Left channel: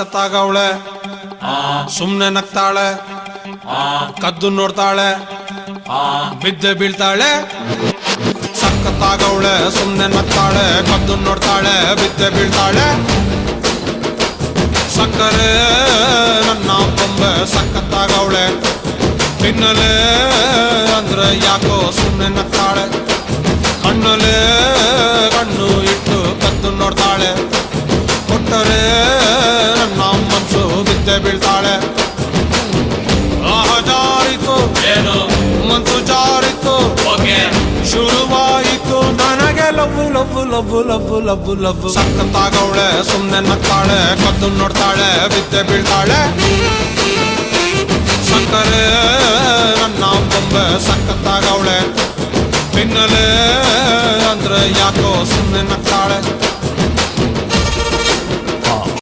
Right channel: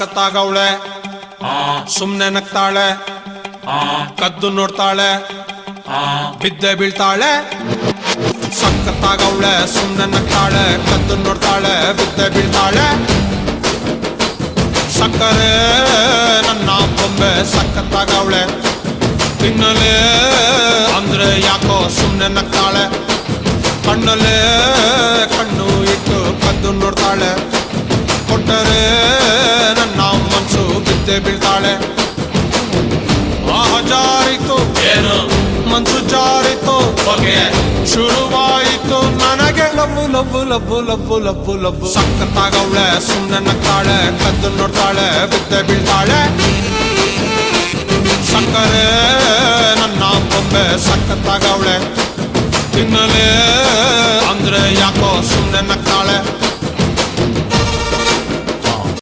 ಸಖತ್ತಾಗವಳೆ ಸುಮ್ನೆ ನಗ್ತಾಳೆ ಕದ್ದು ನೋಡ್ತಾಳೆ ಬಿದ್ದೆ ಬೀಳ್ತಾಳೆ ಸಖತ್ತಾಗವಳೆ ಸುಮ್ನೆ ನಗ್ತಾಳೆ ಕದ್ದು ನೋಡ್ತಾಳೆ ಬಿದ್ದೆ ಬೀಳ್ತಾಳೆ ಸಕ್ಕರೆ ನನ್ನ ಬೊಮ್ಮೆ ಸಖತ್ತಾಗವಳೆ ತಿನ್ನಲೇ ಅಂದ್ರೆ ಯಾಕೋ ಸುಮ್ನೆ ನಗ್ತಾಳೆ ಕಣ್ಣಲೆ ಕಣ್ಣು ಇಟ್ಟು ಕದ್ದು ನೋಡ್ತಾಳೆ ಕೊಟ್ಟರೆ ನನ್ನ ಮನಸ್ಸು ಬಿದ್ದೆ ಬೀಳ್ತಾಳೆ ಜಾರಿತು ಏನು ಮನಸ್ಸು ಜಾರಿತು ಶುರುವಾಯಿತು ನನಗೆ love love love love love love ಸಖತ್ತಾಗವಳೆ ಸುಮ್ನೆ ನಗ್ತಾಳೆ ಕದ್ದು ನೋಡ್ತಾಳೆ ಬಿದ್ದೆ ಬೀಳ್ತಾಳೆ ಸಕ್ಕರೆ ನನ್ನ ಬೊಮ್ಮೆ ಸಖತ್ತಾಗವಳೆ ತಿನ್ನಲೇ ಅಂದ್ರೆ ಯಾಕೋ ಸುಮ್ನೆ ನಗ್ತಾಳೆ